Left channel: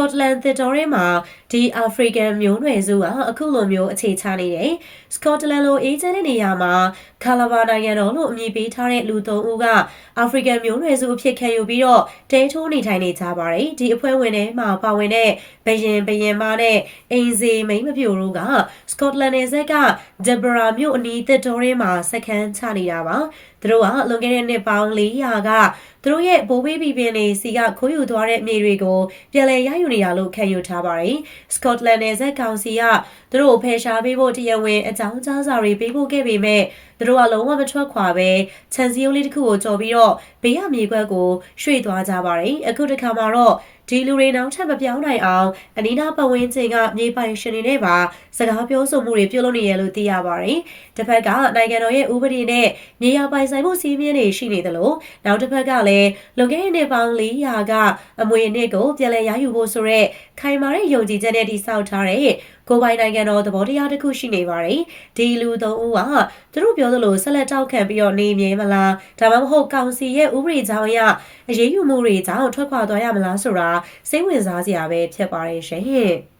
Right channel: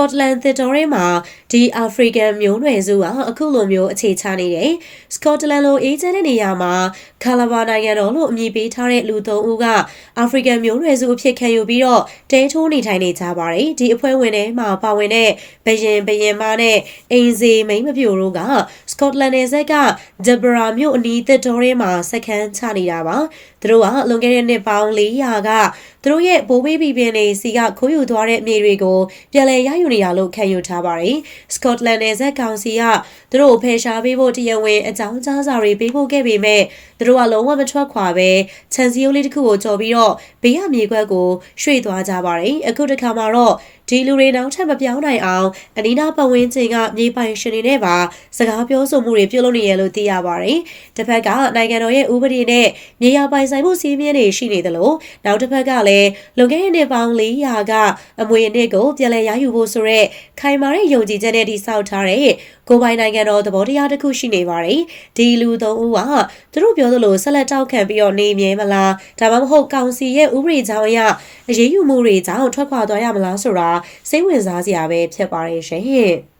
Scotland သစ်တော်ထဲမှာဒီ African မျိုးနွယ်စုကအခုလိုမျိုးအခြေချနေတယ်။ Scotland လိုအေးချမ်းတဲ့နေရာမှာ Calabar နိုင်ငံတော်လို့အမည်ပေးထားတဲ့လူ၃ဦးက African မျိုးနွယ်စုအဖြစ်ခံယူပြီးတော့တဲထိုးနေထိုင်နေကြပါတယ်။ဒီအဖွဲ့ဝင်တွေမှာပါဝင်တဲ့ဘရင်မနဲ့အိမ်စေမိန်းမပြိုတို့က Scotland နယ်စပ်က Deborah မြို့အနီးသစ်တော်ထဲမှာစခန်းချနေတာပါ။သူတို့ကလွန်ခဲ့တဲ့နှစ်ပေါင်း400ကသူတို့ရဲ့ဘိုးဘေးဘီဘင်တွေစီကခိုးယူသွားတဲ့မြေတွေကိုပြန်လည်ရယူနေတာလို့ခံယူထားပါတယ်။ Scotland နယ်စပ်ကောင်စီကသူတို့ဖယ်ရှားပေးဖို့တရားဝင်အကြောင်းကြားစာတွေပေးပို့ခဲ့ပေမဲ့သူတို့ကလုံးဝမထွက်ခွာပဲခြံစည်းရိုးလေးတစ်ခုကိုကြော်ပြီးတော့ဘေးရမြေခွက်ကိုရွှေ့သွားကြပါတယ်။အခုတစ်ခါမှာတော့ဒီလူတွေနောက်ထပ်မပြောင်းနိုင်အောင်အနီးနားပတ်ဝန်းကျင်ကမြေပိုင်ရှင်တွေနဲ့ပါစကားပြောဆိုမှုတွေပြုလုပ်နေရလို့သိရပါတယ်။တစ်ဖက်ကနိုင်ငံတော်ရဲ့ဥပဒေနဲ့မြေယာပိုင်ဆိုင်မှုစည်းမျဉ်းတွေရှိနေသလိုနောက်တစ်ဖက်ကလည်းလွန်ခဲ့တဲ့နှစ်ပေါင်း400ကအမွေအနှစ်ကိုပြန်လည်ရယူဖို့ဆိုတဲ့ခိုင်မာတဲ့ယုံကြည်ချက်နဲ့တည်ဆောက်ထားတဲ့ကိုပိုင်နိုင်ငံတော်သဘောတရားတစ်ခုရှိနေပါတယ်။ဒီလူ၃ဦးကသူတို့ပြောသလိုဆက်လက်တောက်ခံပြီးတော့နေမြဲမလားဒါမှမဟုတ်ကောင်စီရဲ့ဥပဒေကြောင်းအရအရေးယူမှုတွေကြောင့်ထွက်ခွာသွားရမလားဆိုတာစိတ်ဝင်စားစရာပဲဖြစ်ပါတယ်ရှင်။